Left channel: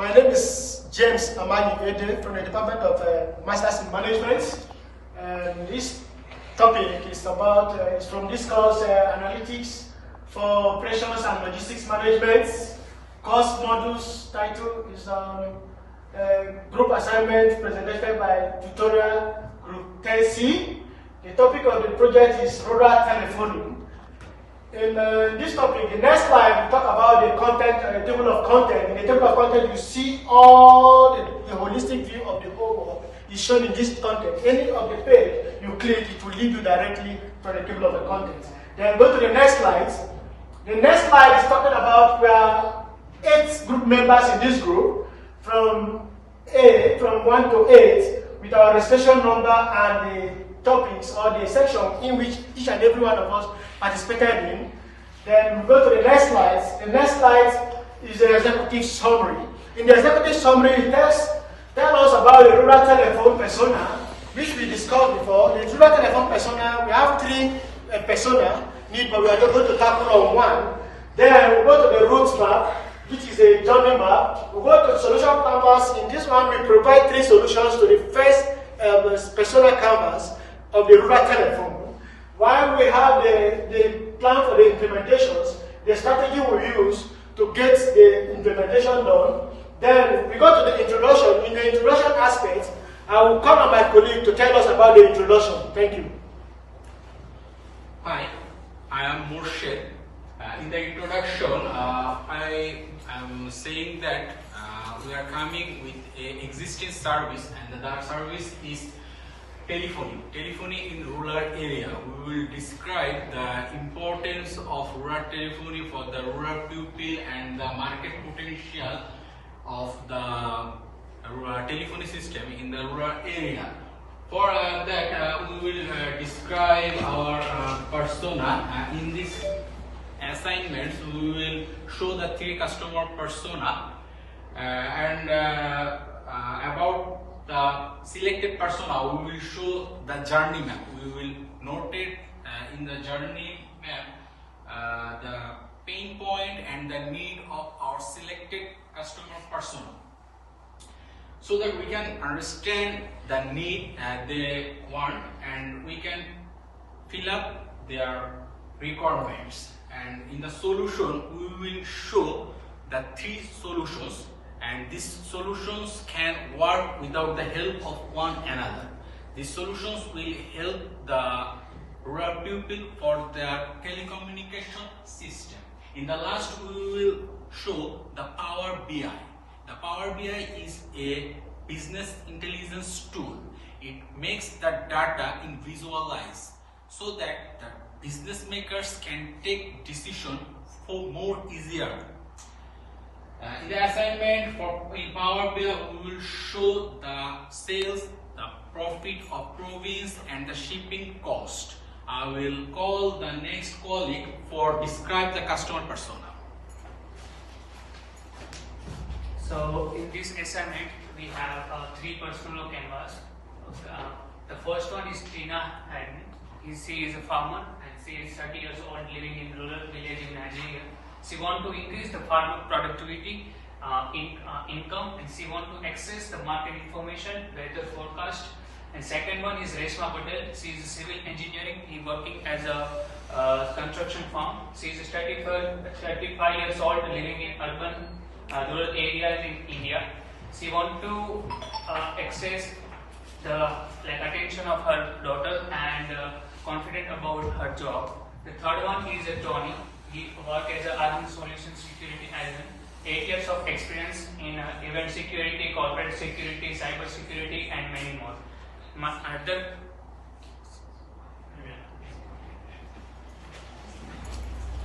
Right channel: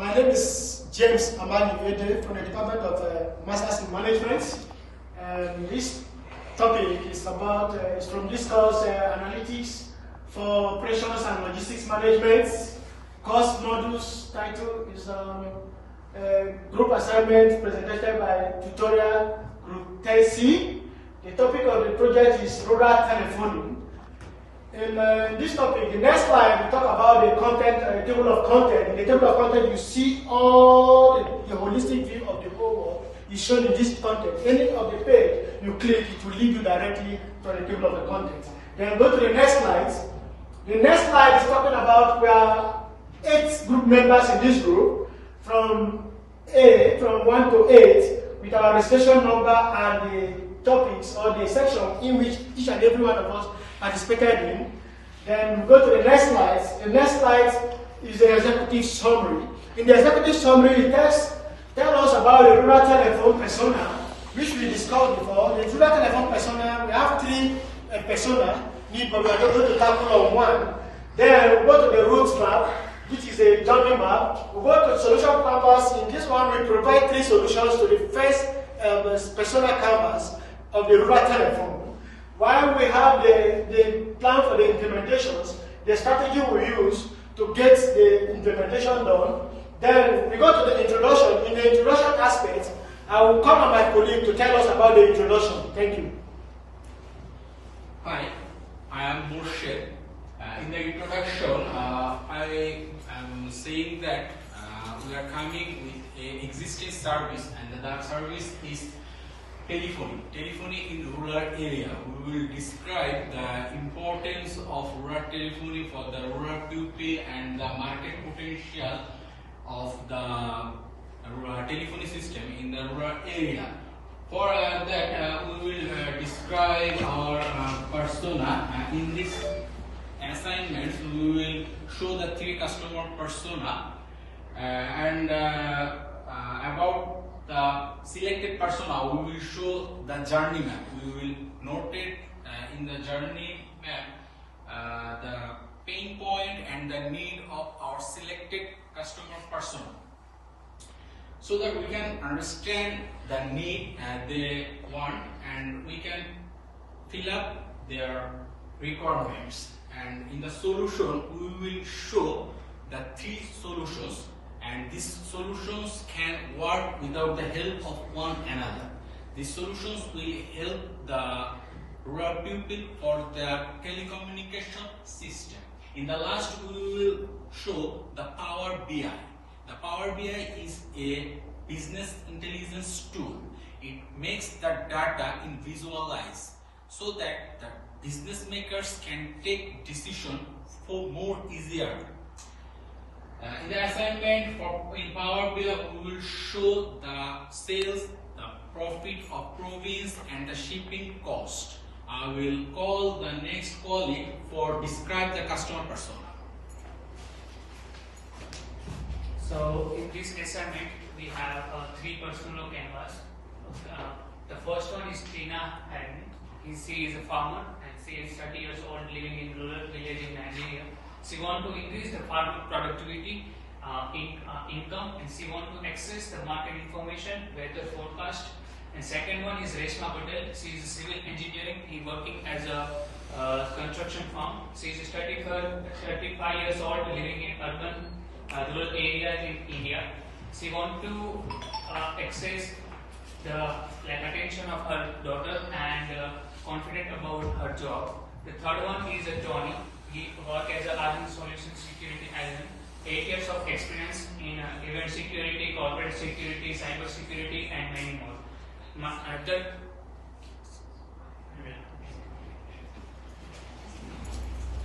My name is James Amanyi Edeh from the Department of Masters in Management. And this topic is about, it's from this course, Analytics for Operations and Logistics Management. Course modules title is Group Assignment presented by Tutorial Group 10C. The topic of the project is rural telephoning. In this topic, the next slide, we talk about the content, the table of content. In the table of content, you see all the holistic view of the whole world is shown in this content. Any of the page you click, it will lead you directly to the table of the content. Then go to the next slide. The next slide is talking about we are 8 group members in this group, from 1 to 8, with our registration number and the topics or the section in which each and every one of us participated in. Then we go to the next slide. The next slide is the executive summary. In the executive summary, it tells us about the rural telephone persona, which we discussed before. The rural telephone persona, we have 3 persona need, but we are not going to tackle on one. Then we go to the route map, which is a journey map. We go to solution canvas. In this one, we provide 3 solutions to the first persona canvas of the rural telephone. While we have the plan for the implementations, the strategy we use to get the implementation done. Then we go to the introduction. In the introduction aspect, I will call on my colleague to tell us about the introduction. Thank you. Hi, I am Morshed. In the introduction, I am saying that we are coming with an existing service, and that service is telephony in rural area. We will describe the importance of rural telephony for the rural people and the market potential of the rural telephony system in the rural area. For that, we will describe our persona. In this assignments, we will show the 3 customer persona and about the selected persona, we will show the journey map. We will notate in the journey map the pain point and the need of our selected customer persona, so that we can understand the need they want and we can fill up their requirements. And in the solution, we will show the 3 solutions, and these solutions can work without the help of one another. These solutions will help the rural people for their telecommunication system. In the last, we will show the Power BI. The Power BI is a business intelligence tool. It makes the data in visualize so that the business makers can take decision for more easier. In the assignment in Power BI, we will show the sales, the profit of province, and the shipping cost. I will call the next colleague for describe the customer persona. So in this assignment, we have 3 persona canvas. The first one is Tina Hyman. She is a farmer and she is 30 years old, living in rural village in Nigeria. She wants to increase the farmer productivity, income, and she wants to access the market information, weather forecast. And second one is Reshma Patel. She is a civil engineering. He working as a construction firm. She is 35 years old, living in urban rural areas in India. She wants to access the attention of her daughter and confident about her job. The third one is Tony. He works as an Army Solution Security Admin. 8 years of experience in event security, corporate security, cyber security, and many more.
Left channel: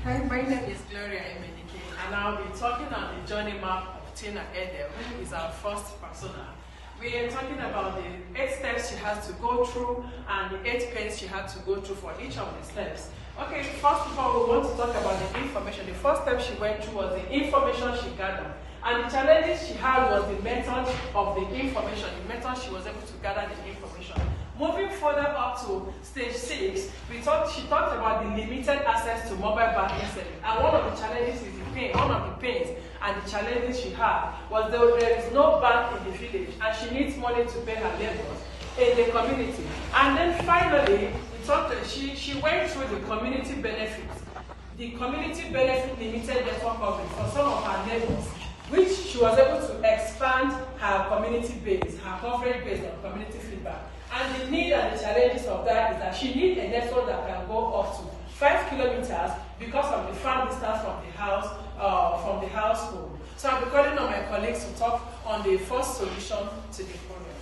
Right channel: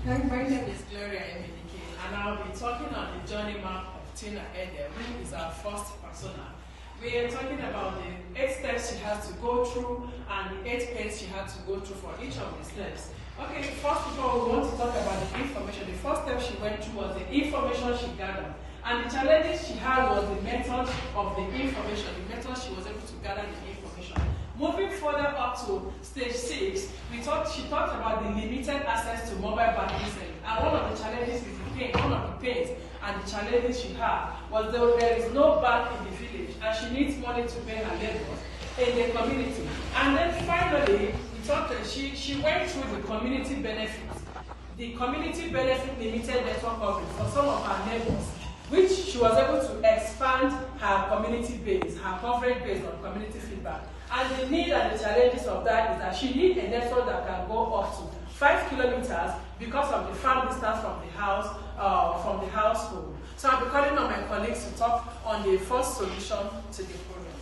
Hi, my name is Gloria, Emenike, and I'll be talking on the journey map of Tina Edeh, who is our first persona. We are talking about the 8 steps she has to go through and the 8 pains she had to go through for each of the steps. Okay, first of all, we want to talk about the information. The first step she went through was the information she gathered. And the challenges she had was the method of the information, the method she was able to gather the information. Moving further up to stage 6, she talked about the limited access to mobile banking service. And one of the challenges is one of the pains and the challenges she had was that there is no bank in the village and she needs money to pay her neighbors in the community. And then finally, she went through the community benefits. The community benefit limited network coverage for some of her neighbors, which she was able to expand her community base, her coverage based on community feedback. And the need and the challenges of that is that she needs a network that can go up to 5 kilometers because of the far distance from the household. So I'll be calling on my colleagues to talk on the first solution to the problem.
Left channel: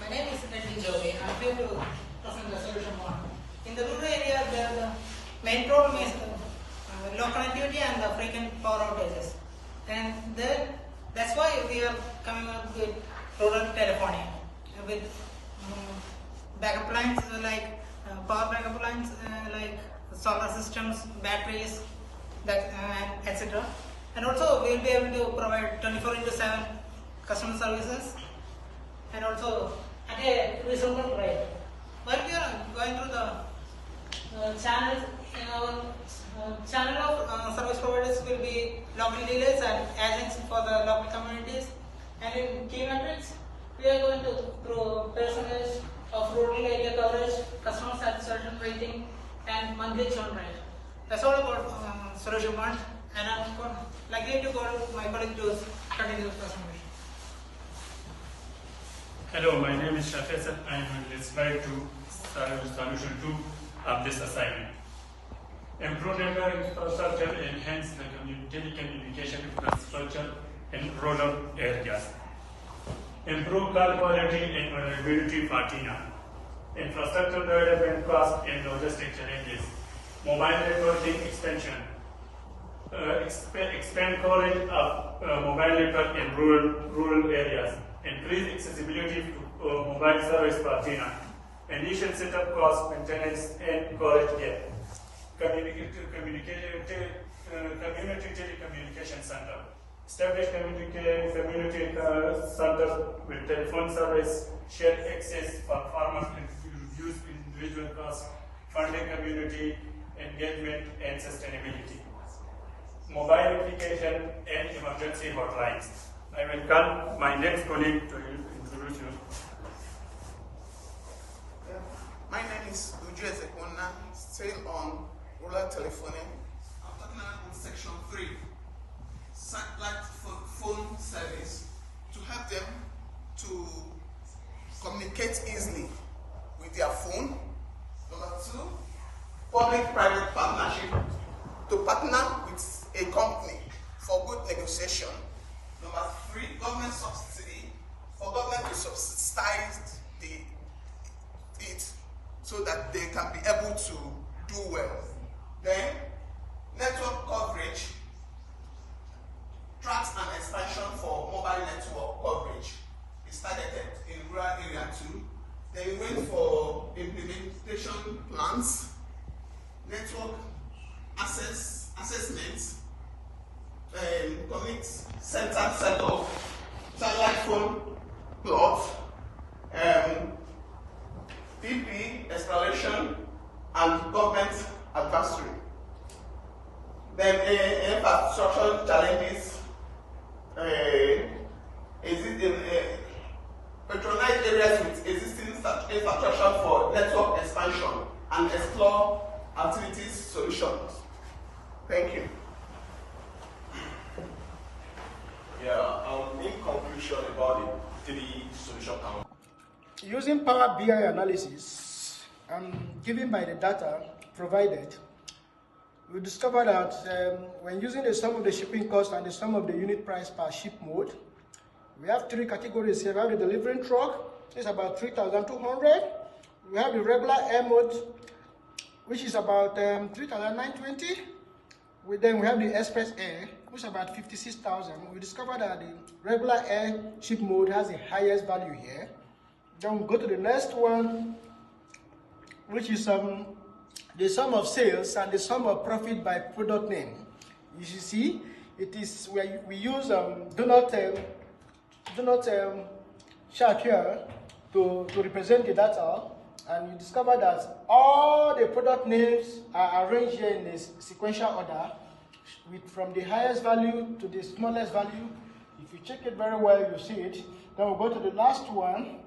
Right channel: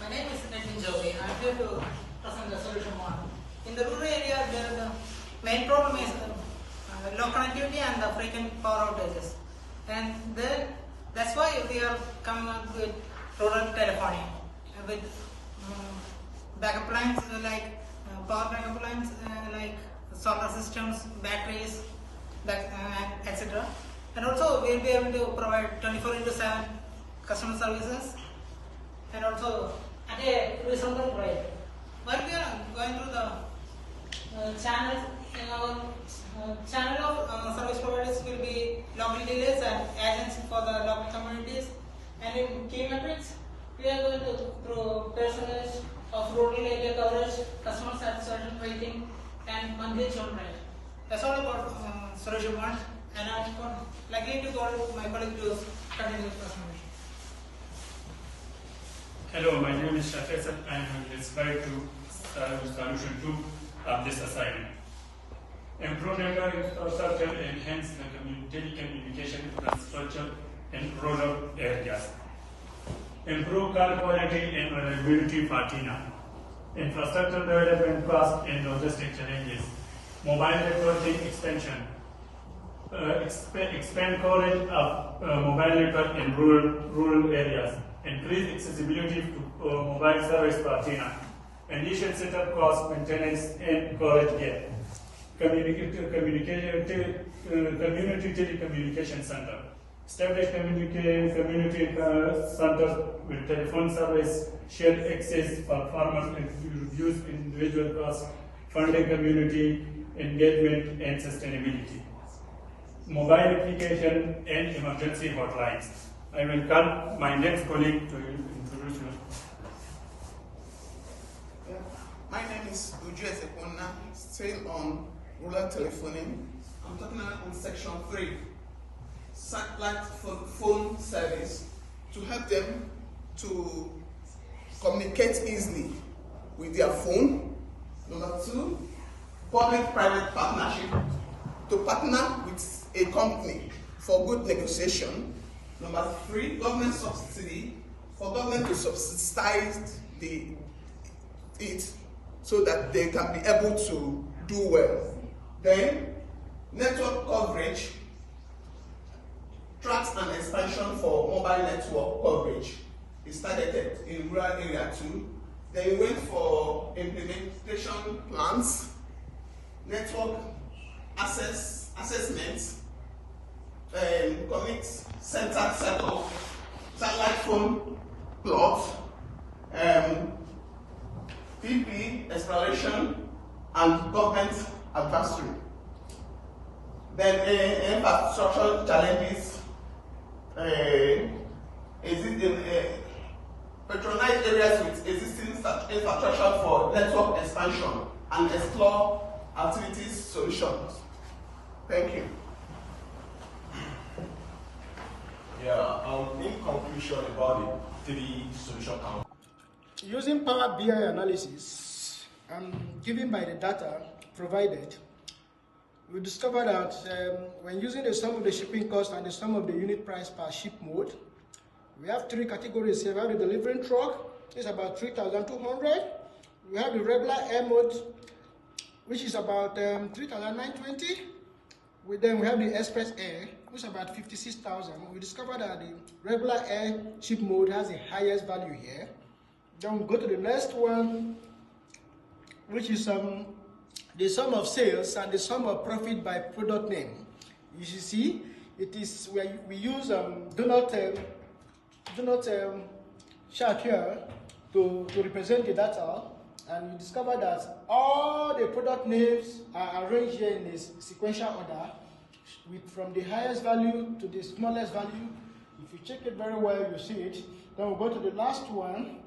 My name is Joby. I'm here to present the solution one. In the rural area, the main problem is low connectivity and the frequent power outages. And then that's why we are coming up with rural telephony with backup lines like power backup lines like solar systems, batteries, etc. And also we'll be able to provide 24/7 customer services and also at a reasonable rate. While we are going through the channels, in our channel of service providers will be local dealers and agents for the local communities. And in key metrics, we are going to through percentage of rural area coverage, customer satisfaction rating, and monthly churn rate. That's all about Sureshbhai, and I'm likely to call my colleague to continue the presentation. Hello, my name is Shah. I am on the slide 2, solution 2 of this assignment. Improve network infrastructure, enhance the telecommunication infrastructure in rural areas. Improve call quality and availability for TINA. Infrastructure development cost and logistic challenges. Mobile networking expansion. Expand coverage of mobile network in rural areas. Increase accessibility to mobile service for TINA. Initial setup cost, maintenance, and coverage gap. Community telecommunication center. Establish community centers with telephone service, shared access for farmers and reduce individual costs, funding community engagement and sustainability. Mobile application and emergency hotlines. I will call my next colleague to introduce you. My name is Ezekwonna, still on rural telephony. I'm talking about section 3, satellite phone service, to help them to communicate easily with their phone. Number 2, public-private partnership, to partner with a company for good negotiation. Number 3, government subsidy, for government to subsidize it so that they can be able to do well. Then, network coverage, tracks and expansion for mobile network coverage is targeted in rural area too. Then we went for implementation plans, network assessments, community center setup, satellite phone plots, PP exploration, and government advisory. Then infrastructure challenges, patronize areas with existing infrastructure for network expansion and explore activities solutions. Thank you. In conclusion about the 3 solution. Using Power BI analysis given by the data provided, we discovered that when using the sum of the shipping cost and the sum of the unit price per ship mode, we have 3 categories here. We have the delivering truck, it's about 3,200. We have the regular air mode, which is about 3,920. Then we have the express air, which is about 56,000. We discovered that the regular air ship mode has the highest value here. Then we go to the next one, which is the sum of sales and the sum of profit by product name. You should see, it is where we use do not chart here to represent the data, and you discover that all the product names are arranged here in a sequential order, from the highest value to the smallest value. If you check it very well, you see it. Then we'll go to the last one,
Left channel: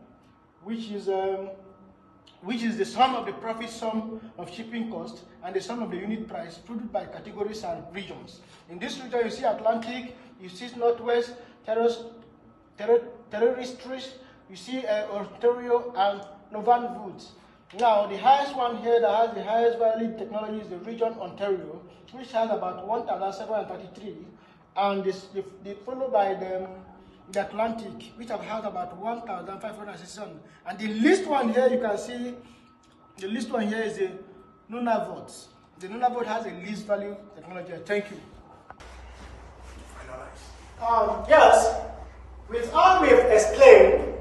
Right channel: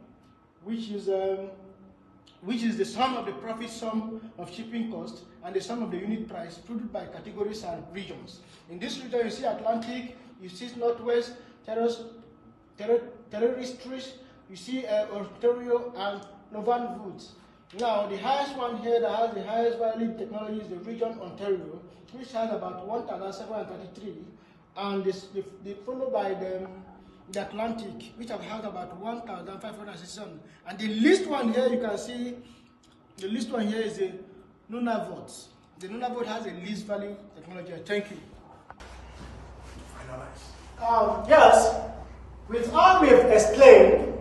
which is the sum of the profit, sum of shipping cost, and the sum of the unit price produced by categories and regions. In this region, you see Atlantic, you see Northwest, Terrestrial, you see Ontario, and Novan Woods. Now, the highest one here that has the highest value technology is the region Ontario, which has about 1,733, and they followed by the Atlantic, which have had about 1,567. And the least one here, you can see, the least one here is the Nunavut. The Nunavut has a least value technology. Thank you. Yes, with all we've explained,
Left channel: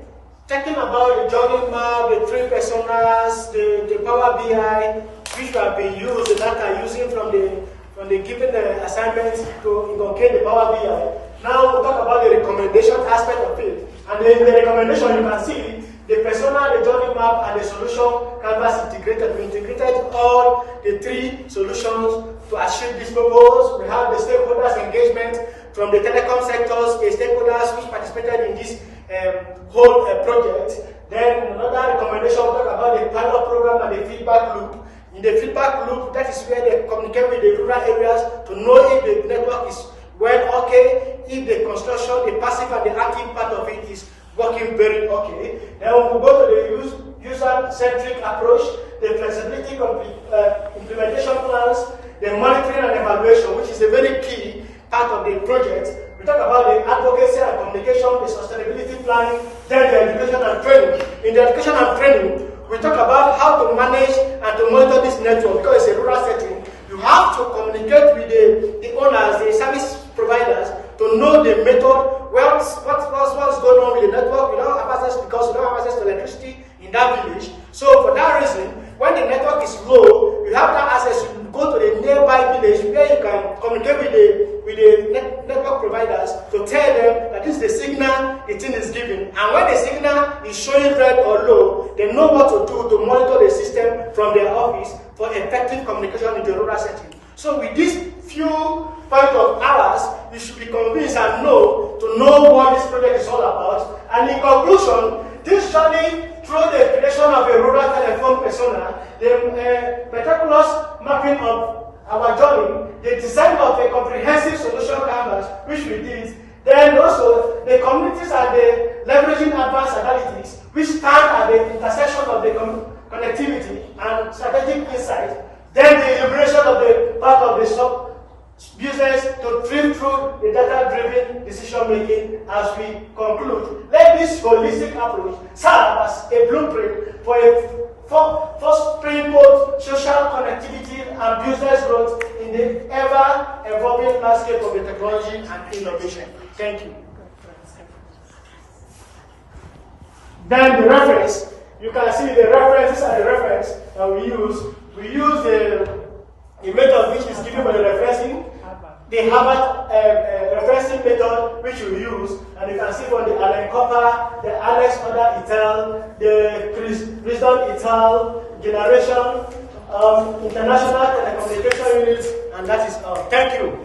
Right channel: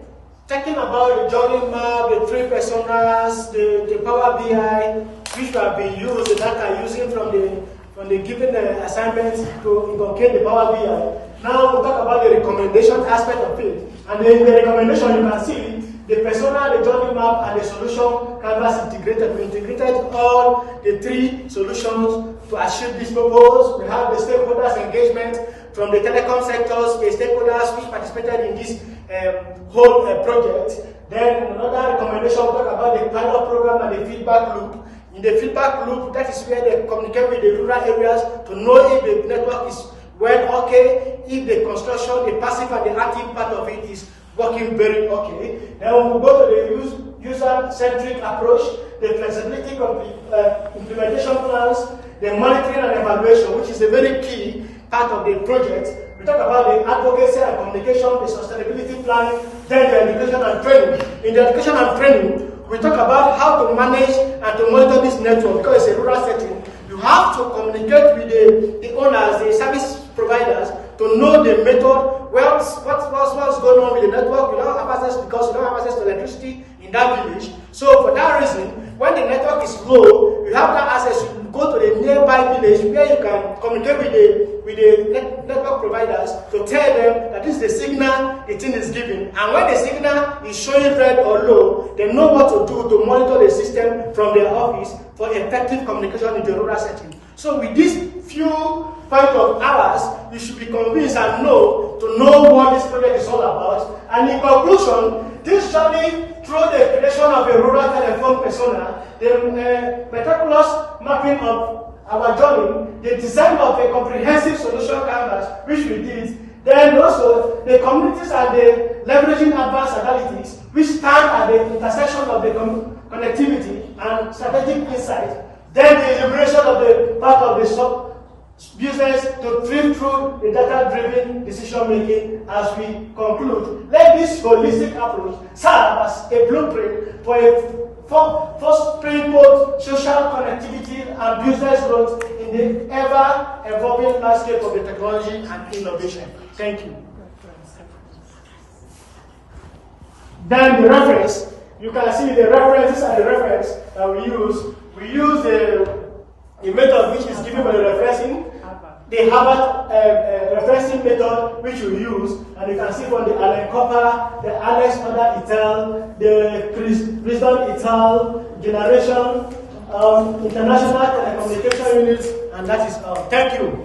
talking about the jogging map, the three personas, the Power BI, which have been used, the data using from the given assignments to inculcate the Power BI. Now we'll talk about the recommendation aspect of it. And in the recommendation, you can see the persona, the journey map, and the solution canvas integrated. We integrated all the three solutions to achieve this purpose. We have the stakeholders engagement from the telecom sectors, the stakeholders which participated in this whole project. Then another recommendation, we'll talk about the pilot program and the feedback loop. In the feedback loop, that is where they communicate with the rural areas to know if the network is well okay, if the construction, the passive and the active part of it is working very okay. Then we'll go to the user-centric approach, the flexibility implementation plans, the monitoring and evaluation, which is a very key part of the project. We talk about the advocacy and communication, the sustainability planning, then the education and training. In the education and training, we talk about how to manage and to monitor this network because it's a rural setting. You have to communicate with the owners, the service providers, to know the method, what's going on with the network. We don't have access because we don't have access to electricity in that village. So for that reason, when the network is low, you have that access. You go to the nearby village where you can communicate with the network providers to tell them that this is the signal the thing is giving. And when the signal is showing red or low, they know what to do to monitor the system from their office for effective communication in the rural setting. So with these few points of ours, you should be convinced and know what this project is all about. And in conclusion, this journey through the creation of a rural telephone persona, the meticulous mapping of our journey, the design of a comprehensive solution canvas, which we did, then also the communities and the leveraging advanced analytics, which stand at the intersection of the connectivity and strategic insight, then the elaboration of the part of the sub-business to drill through the data-driven decision-making as we conclude. Let this holistic approach serve as a blueprint for springboard social connectivity and business growth in the ever-evolving landscape of the technology and innovation. Thank you. Then the reference, you can see the references and the reference that we use. We use the method which is given by the referencing, the Harvard referencing method which we use, and you can see from the Allen Copper, the Alex Oda et al., the Wisdom et al., Generation, International Telecommunication Unit, and that is all. Thank you.